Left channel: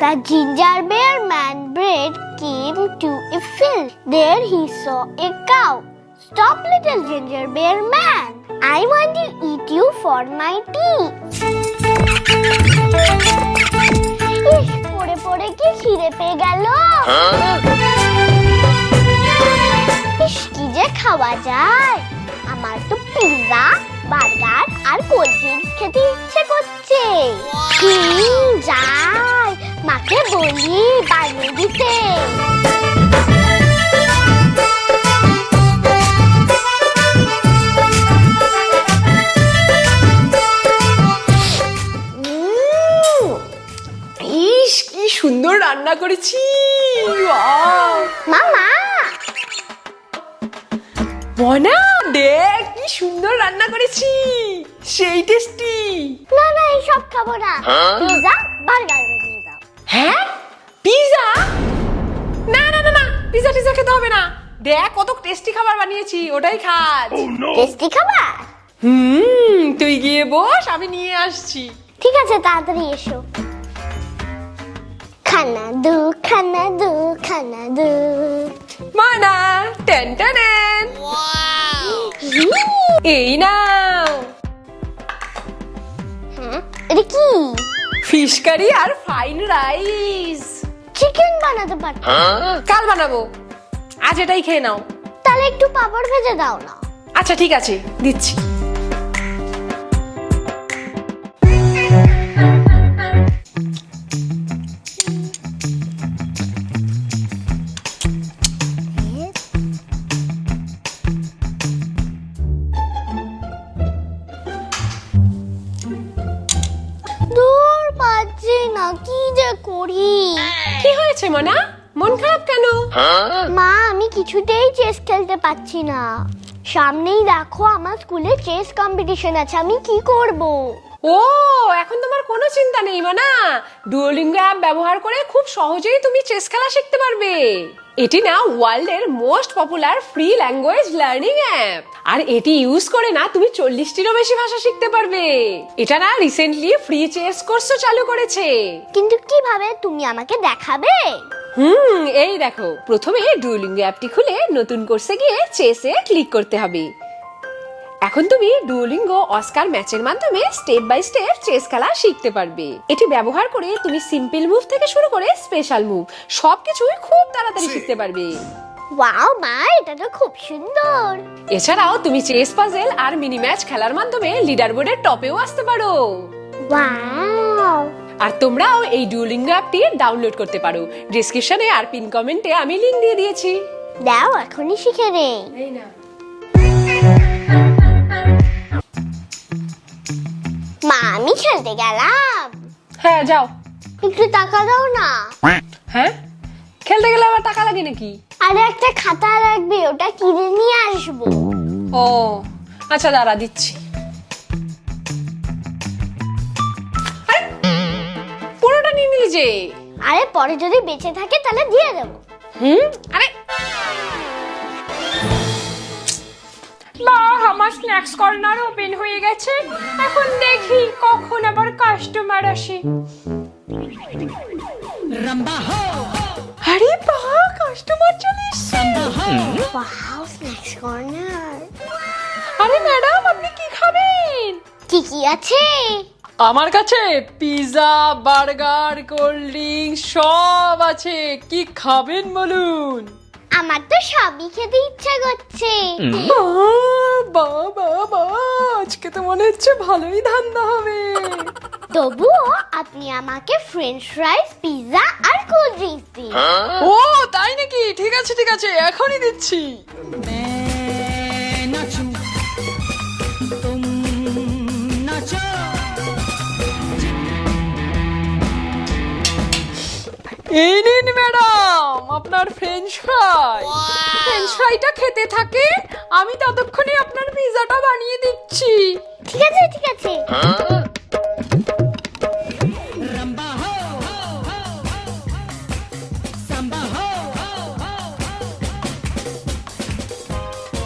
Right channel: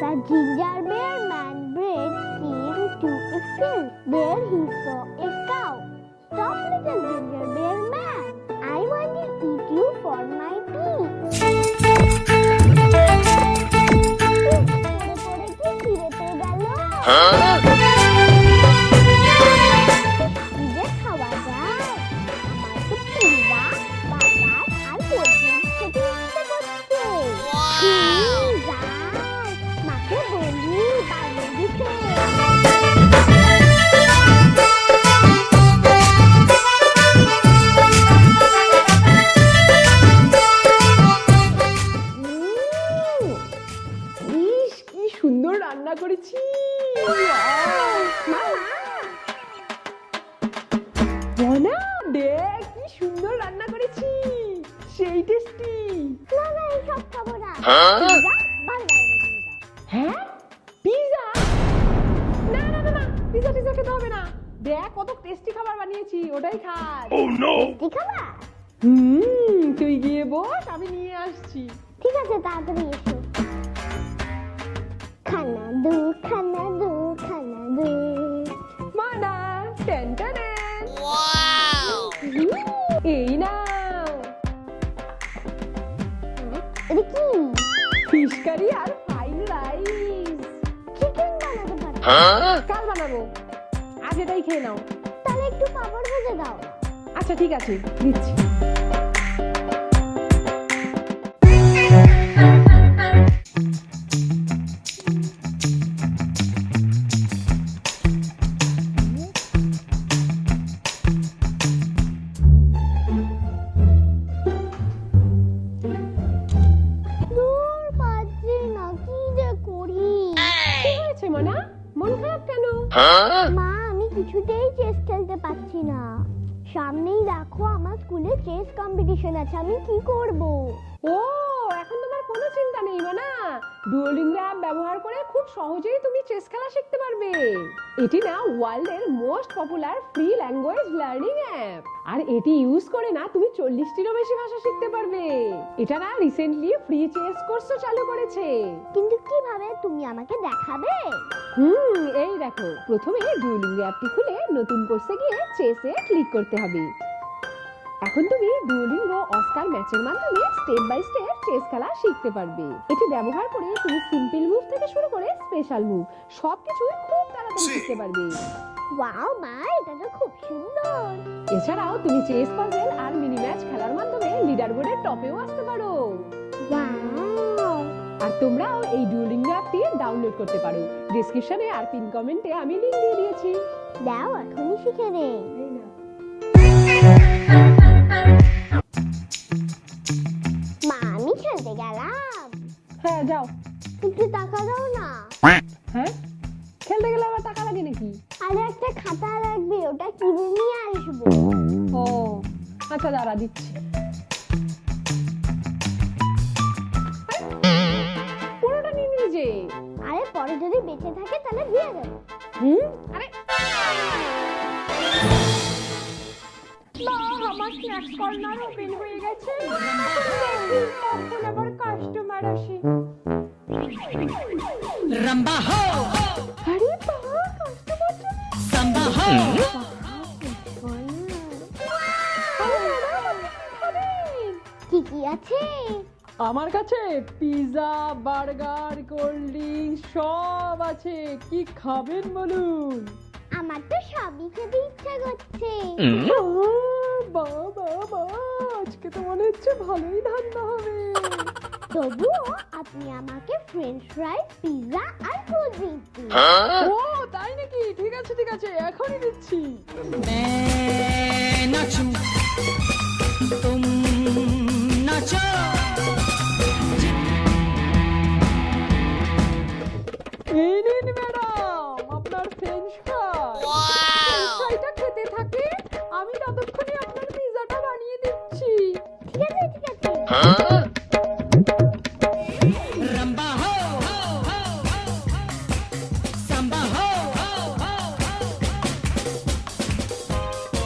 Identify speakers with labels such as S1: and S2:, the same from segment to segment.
S1: The ginger bear man bread came to a field. There he saw a cow. Stop, little ginger bear man. I want to eat you for my tea. পড়ে পড়ে কি খিদে পেয়ে গেল কি যে খাওয়া যায় আমার তো পিৎজা বলি বানিয়ে দিতে।
S2: ইস কি সুন্দর রান্না করেছি!
S1: মামা।
S2: মনা দেখ কি সুন্দর রান্না করেছি। সেই টেস্টি।
S1: না না এইসব খাব না। বার্গার
S2: হ্যাঁ? পিজা না না না না পিজা টিজা খেতে হবে না। দেখ কত টেস্টি খাবার বানিয়েছি ওটাই খাস।
S1: টেস্টি খাবার?
S2: হুম তুই গিয়ে বস আমি নিয়ে আসছি।
S1: ঠিক আছে তাড়াতাড়ি এসো। খানা দু খানা দু খানা দু।
S2: মানা টেন টেন এই নাও।
S1: হ্যাঁ এটা কি?
S2: ফিশ কারি আর ফাইন রাইস
S1: চিকেন বানাতে পারি।
S2: কাল বানাবো। আজ এটাই খেয়ে নাও।
S1: তাহলে একটু পাপড় ভেজে দাও না।
S2: আচ্ছা ঠিক আছে দিচ্ছি। মনা খারাপ কেন?
S1: মা আমি কিছুতেই চেস খেলতে পাচ্ছি না। সামনেই দেখো আমার স্কুলে চেস কম্পিটিশন আছে আমি কি করব?
S2: ও এখন তোমার কোনো চিন্তা নেই মানা। ডুয়োলিঙ্গো অ্যাপ ব্যবহার করে খুব সহজেই তুমি চেস খেলা শিখতে পারবে। এটি না ওয়ার্ল্ডের most popular free language learning app আর এটি ইউজ করে না তুমি চল্লিশটিরও বেশি ভাষা শিখতে পারবে। এটা না রিসেন্টলি ফ্রি চেস কোর্সও চালু করেছে।
S1: কিন্তু কীভাবে তুমি আমাকে দেখাবে?
S2: হুম এই দেখো। প্রথমে ডুয়োলিঙ্গো অ্যাপটি খুলে নতুন কোর্সে গিয়ে চেসে ক্লিক করতে হবে। এখন তুমি ডুয়োলিঙ্গো অস্কার ম্যাচের মাধ্যমে স্টেপ বাই স্টেপ চেস খেলা শিখতে পারবে। এটি ব্যবহার করে তুমি সিম্পল মুভ থেকে শুরু করে স্পেশাল মুভ সবকিছুই খুব তাড়াতাড়ি শিখতে পারবে।
S1: ওয়াও মা এটা তো খুব সুন্দর।
S2: এছাড়াও তুমি চেস পাজেল আর মিনি ম্যাচ খেলার মাধ্যমে লিডার বোর্ডের টপেও আসতে পারো।
S1: ওয়াও
S2: আর তোমরাও এই ডুয়োলিঙ্গো অ্যাপটি ডাউনলোড করতে পারো। ডিসক্রিপশনে আর পিন কমেন্টে আমি লিংক দিয়ে দিয়েছি।
S1: দাও এখনই শিখে নেই
S2: এই না
S1: মা আমি খেলতে গেলাম।
S2: হ্যাঁ যাও।
S1: একটু টাকা দাও না।
S2: হ্যাঁ? খেলতে গেলে আবার টাকা লাগে নাকি?
S1: আরে একটা খাতা লাগবে ওটা কিনে নিয়ে আসব।
S2: ও আচ্ছা দাঁড়া দিচ্ছি। যে।
S1: আরে পরে যদি বেঁচে থাকে তাহলে দিয়ে দেব।
S2: হুম? আরে। মা আমার স্ন্যাক্স কর্নার ওপেন হয়ে গেছে। এখন দেখি কখন আবার কাস্টমার আসে।
S3: রাম্বা হো।
S2: আরে কাস্টমার চলে
S1: হো। স্ন্যাক্স কর্নার
S2: আরে ম্যাডাম আপনি কি খাবেন?
S1: কি কি আছে?
S2: আমার কাছে পিৎজা বার্গার কোল্ড ড্রিঙ্ক সব আছে। কি খাবেন বলুন?
S1: আমার তো সবই খেতে ইচ্ছা করছে।
S2: বাবা বাবা আজকে তো মনে হচ্ছে ভালোই ধান্দা হবে।
S1: তবু আপনি আমাকে ফ্রেঞ্চ ফ্রাইস পিৎজা আর কোল্ড ড্রিঙ্কস দিন। হ্যাঁ?
S2: ও তাই নাকি? ঠিক আছে ঠিক আছে এখনই দিচ্ছি।
S3: নাচো তুম নাচো
S2: এই নিন ম্যাডাম আপনার ফ্রেঞ্চ ফ্রাই ফ্রেঞ্চ ফ্রাইটা খেতে থাকে আমি ততক্ষণে আপনার পিজাটা বানিয়ে দিচ্ছি।
S1: ঠিক আছে ঠিক আছে।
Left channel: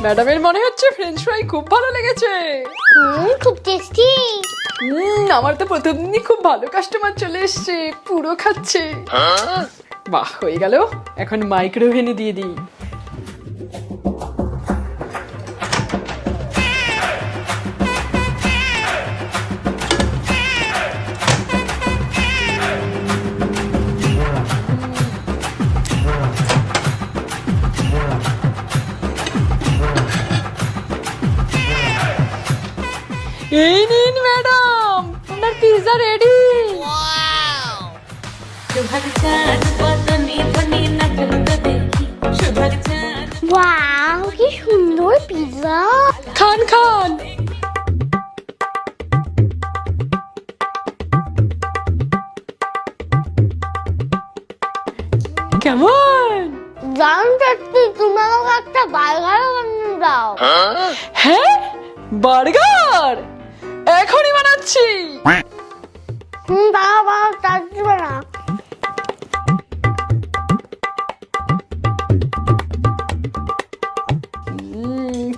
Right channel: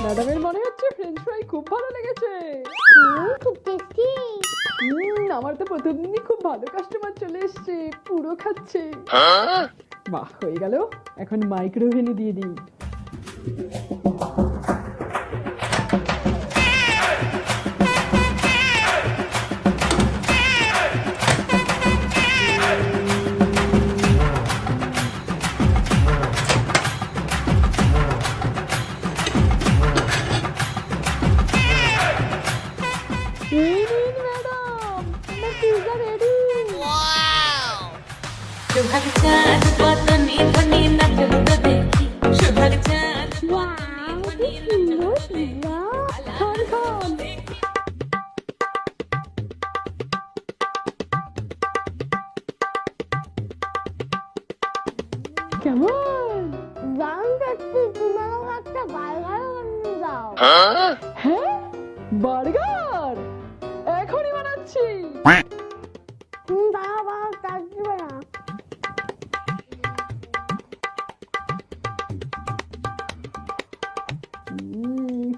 S2: ম্যাডামের মনে হচ্ছে ফ্রেঞ্চ ফ্রাই খুব ভালো লেগেছে।
S1: হুম খুব টেস্টি
S4: হুম আমার তো প্রথম দিনই খুব ভালো কাস্টমার চলে এসছে পুরো খাচ্ছে। বাহ হয়ে গেল। এখন মাইক্রোওভেনে দিয়ে দিই। এই নিন ম্যাডাম আপনার পিৎজা রেডি
S5: সুভাগ চাঁদ পতনি ধ্বনি নাচল তো দেখি সুভাগ চাঁদ
S1: ওয়াও কি সুন্দর পিৎজা
S4: খান খান কেমন
S1: জান চাচ্ছি তুমি আমাকে একটা বার্গার বানিয়ে দাও
S4: হ্যাঁ বার্গার এখনই বানাচ্ছি।
S1: না।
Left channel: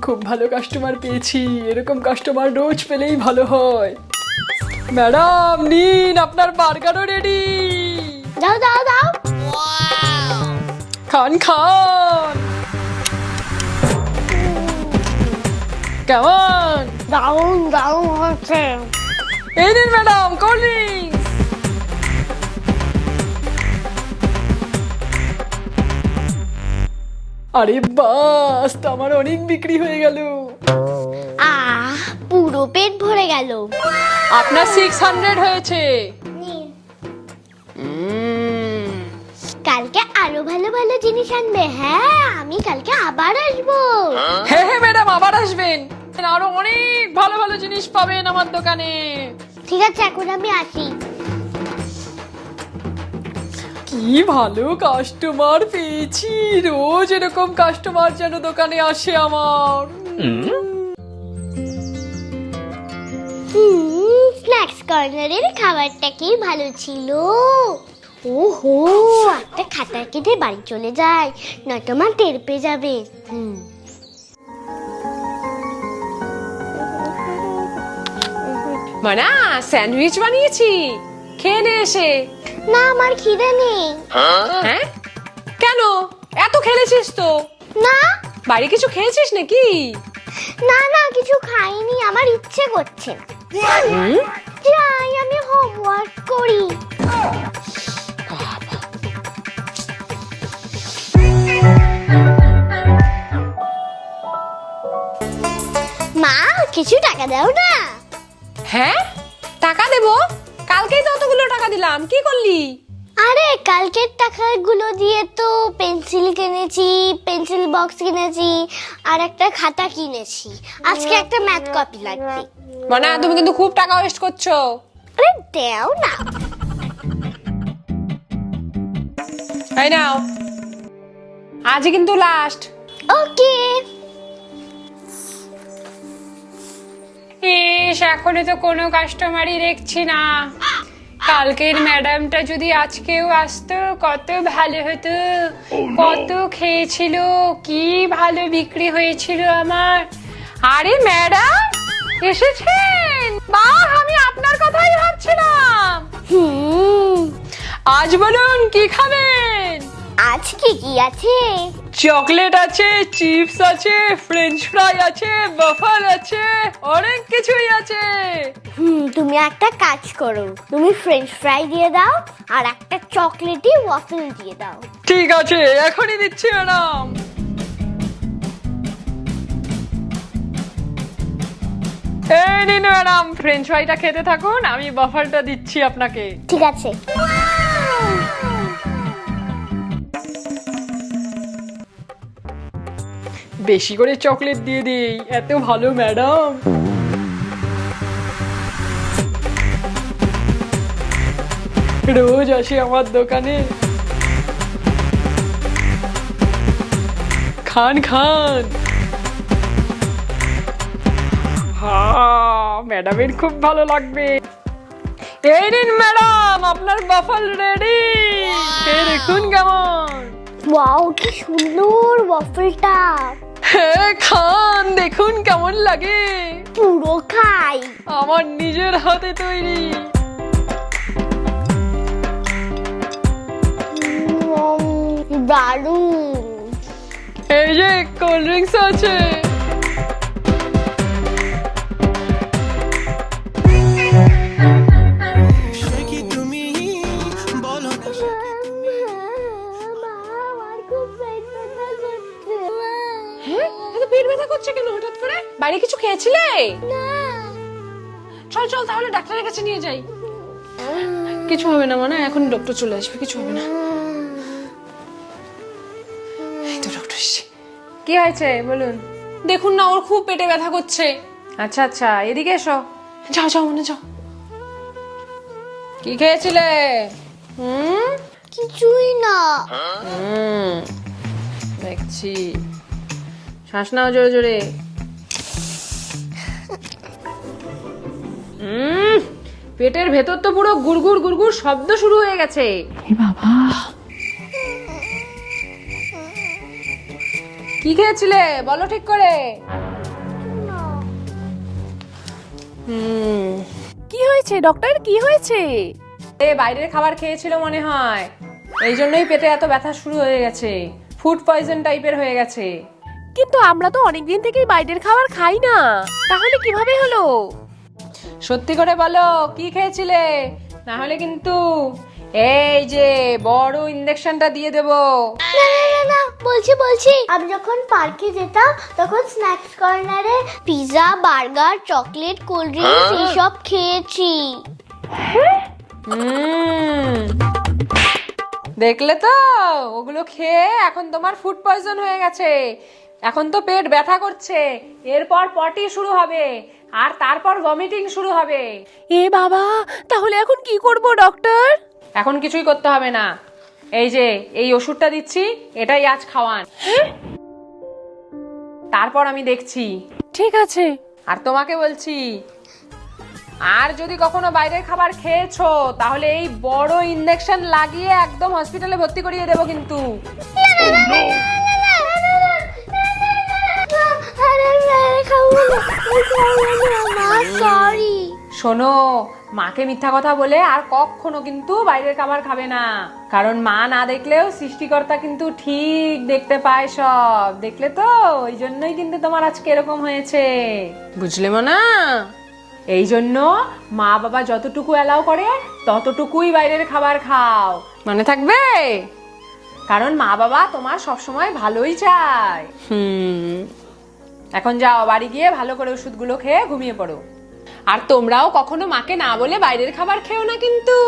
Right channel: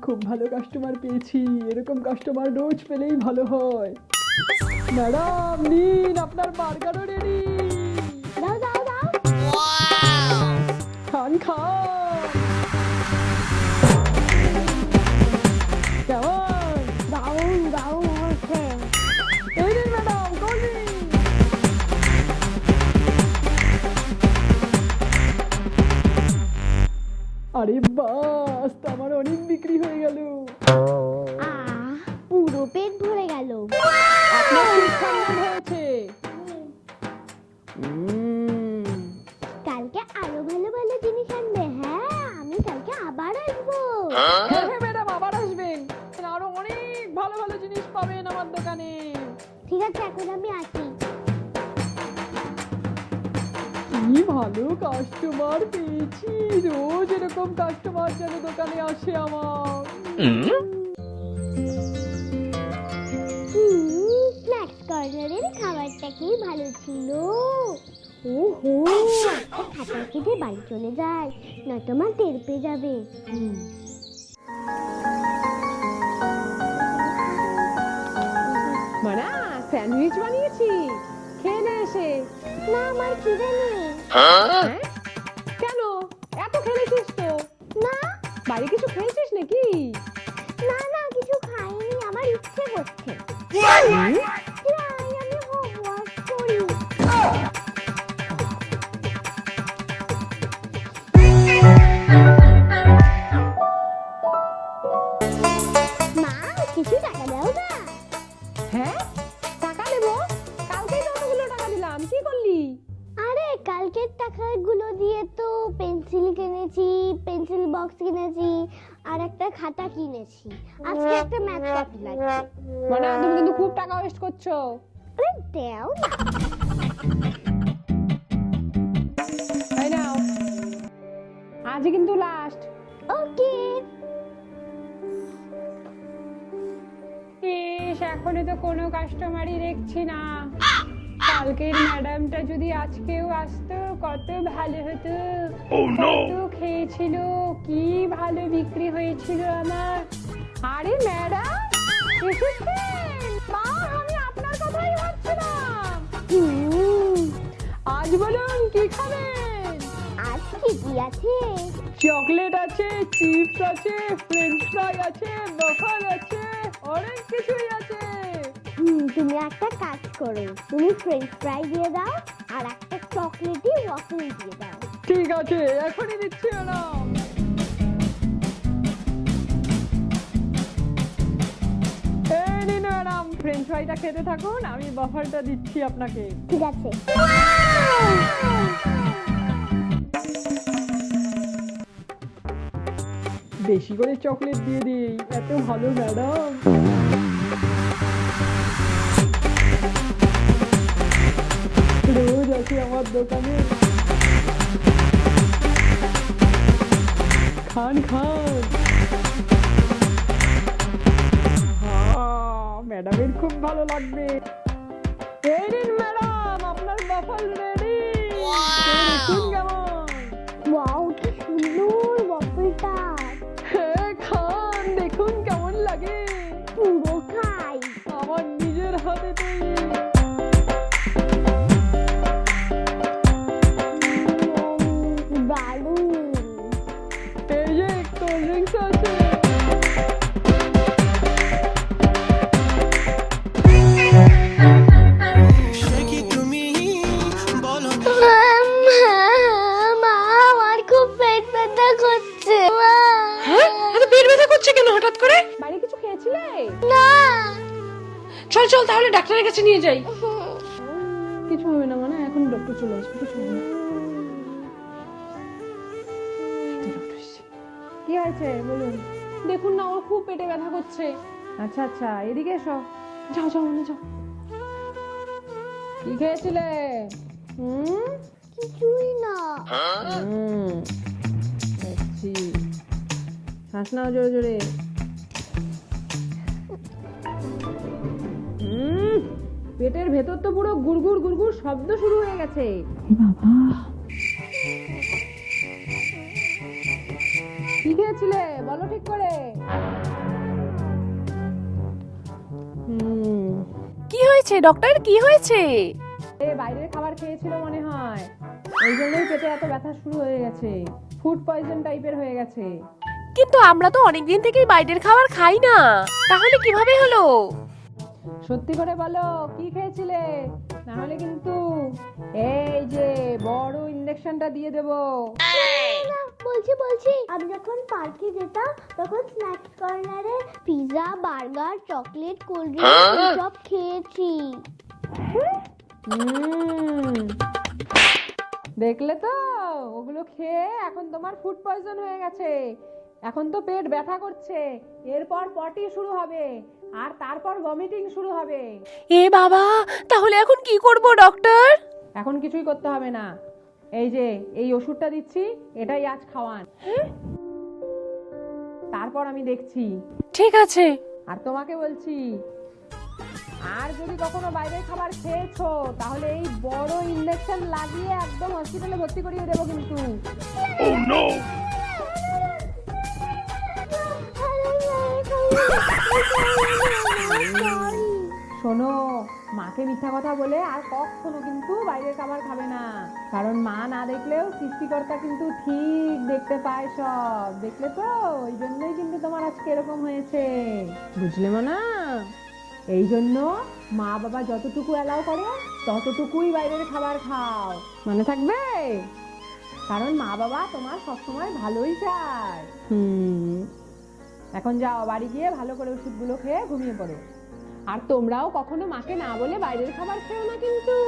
S4: খুব ভালো কাস্টমার পেয়েছি। এরকম কাস্টমার রোজ পেলেই ভালো হয়। ম্যাডাম নিন আপনার বার্গারও রেডি
S1: দাও দাও দাও
S4: খান খান। কেমন?
S1: দারুণ দারুণ হচ্ছে
S4: এই নিন ম্যাডাম কোল্ড আরে বাস আমার অনেক বিক্রি হয়ে গেল।
S1: আহ পুরো পেট ভরে গেল।
S4: আপনার সিক্স হান্ড্রেড হয়েছে।
S1: কালকে আরও ভালো ভালো জিনিস আনবে হ্যাঁ আমি কালকে আবার আসব।
S4: হ্যাঁ হ্যাঁ ম্যাডাম আবার আসবেন। আরও অনেক ভালো ভালো জিনিস পাবেন আমার দোকানে।
S1: ঠিক আছে এখন আমি আসি।
S4: কি ভালো কাস্টমার পেয়েছি রোজ এরকম কাস্টমার যেন দোকানে আসে আমার।
S1: স্ন্যাক্স কর্নারের খাবারটা কি ভালো ছিল? ওহো। একটা খাতা কেটে বাড়ি চলে যায় নয়তো মা টের পেয়ে যাবে। হুম।
S2: মানা স্যান্ডউইচ বানিয়েছি। খেয়ে নে এসে।
S1: না আমার খিদে নেই।
S2: হ্যাঁ? কেন? এত খেলেছিস তো।
S1: না।
S2: বাড়ি কিছু খেয়েছিস নাকি?
S1: না না কিছু খাইনি আমার ইচ্ছে করছে। যাই আমি হোমওয়ার্ক করি। একটা ম্যাথ কপি লাগবে।
S2: মানে তুমি কিন্তু খুব টাকা ওয়েস্ট করছ।
S1: আরে দেও না।
S2: তাই নাও। আজই কিন্তু লাস্ট
S1: ওকে।
S2: ইস এখনও তো কোনো কাস্টমারই দেখছি না। কালকের ম্যাডামটা যদি আজকেও আসতো কত ভালো হতো। কত খেয়েছিল কি ভালো বিক্রি হয়েছিল আমার। আরে ম্যাডাম এসেছেন। বাহ আমি আপনার কথাই ভাবছিলাম।
S1: হুম
S4: আজ বলুন কি খাবেন?
S1: আজকে কি আছে?
S4: চকলেট আছে চিপস আছে ফ্রেঞ্চ ফ্রাই আছে বাফার আছে অনেক কিছুই আছে।
S1: হুম তুমি একটা কাজ করো। তুমি ফ্রেঞ্চ ফ্রাই দিয়ে দাও আর একটা চকলেটি ওয়াফেল দিয়ে দাও।
S4: ঠিক আছে এখনই দিচ্ছি ম্যাডাম। এই নিন ম্যাডাম ফ্রেঞ্চ ফ্রাইটা খেতে থাকুন আমি বাফারটা দিচ্ছি আপনাকে।
S1: ঠিক আছে।
S4: বেশি করে চকলেট দিয়ে দিই এত ভালো ম্যাডাম রোজ আসে আমার দোকানে। খান খান। ম্যাডামের খুব ভালো লাগবে। এই নিন ম্যাডাম আপনার বাফল রেডি দেখুন কেমন।
S1: ওয়াও কি সুন্দর ওয়াফেলটা
S4: হ্যাঁ খান দেখুন কেমন লাগে।
S1: পুরো খাই।
S4: আমার নিজের হাতে তৈরি।
S1: দারুণ।
S4: এই যে কোল্ড ড্রিঙ্কস আছে।
S2: যাই। কিছু হবে না মানে এখন ডক্টর চলে আসবে কিছু হবে না। এই তো ডক্টর কি হয়েছে? বলুন। দেখুন না ওর খুব পেটে ব্যথা করছে। আচ্ছা আচ্ছা এদিকে এসো। যাও যাও মনে যাও। কি খেয়েছিলে? হুম?
S1: কিছুই না।
S2: হুম দেখছি। শ্বাস নাও জোরে জোরে। উম, পেটের ভেতর তো পুরো গুড়গুড় গুড়গুড় শব্দ শুরু হয়ে গেছে। বাবা। কি খেয়েছিলে? বলো ঠিক করে। হুম। কি হয়েছে? ডক্টর কি হয়েছে? এ বাইরের খাবার খেয়েছিল মনে হয়। এই জন্যই পেটে এত ব্যথা শুরু হয়ে গেছে। ফুড পয়জন টাইপের হয়ে গেছে।
S6: কিন্তু আমরা তো অনেকদিন থেকেই বাইরের খাবার খাই না। তাহলে কীভাবে হলো?
S2: সত্যি করে বলো কি খেয়েছিলে? না হলে কিন্তু এই যে বড় ইঞ্জেকশনটা দিয়ে দেবো।
S1: না, বলছি বলছি। আমি যখন পার্কে যেতাম তখন স্ন্যাক্স কর্নারে pizza burger chocolate cold drinks এইসব খেয়েছি।
S2: হুম। দেখলে তো ওগুলো খেয়ে এখন তোমার ফুড পয়জন হয়ে গেছে। এখন তো পেট ব্যথা করছে। এরপর পটি শুরু হবে আর তারপর ভমিটিং শুরু হবে।
S6: এ বাবা তাহলে এখন কি করব ডক্টর
S2: এখন কিছুই করতে হবে না। এই যে এই ওষুধটা দিচ্ছি এটাই আজ খাওয়ান। তারপর আমি দেখছি।
S6: ঠিক আছে।
S2: আর তোমাকে বলছি আর যদি কখনো বাইরের খাবার খেয়েছো তাহলে এই বড় ইঞ্জেকশন লাগিয়ে একদম হসপিটালে ভর্তি করিয়ে দেবো কিন্তু। শোনো, মাকে মিথ্যা কথা বলে আর কখনো কিন্তু বাইরের খাবার খাবে না। কারণ মা না দেখলেও সৃষ্টিকর্তা কিন্তু ঠিক দেখতে পায় সব। দেখলে তো? ওই জন্যই কিন্তু তোমার আজকে এরকম হয়েছে। বুঝলে না এই জন্য মা বাবা যতটুকু অ্যালাউ করে, ততটুকুই বাইরের খাবার খাও। মনে থাকবে? কারণ মা বাবা তোমার সবসময় ভালোই চায়। হুম। এখন যাও, বাড়ি গিয়ে ভালো করে ওষুধগুলো খেয়ে ঘুমিয়ে পড়ো। আর তোমরাও কখনো মাকে না বলে বাইরের খাবার খেও না কিন্তু।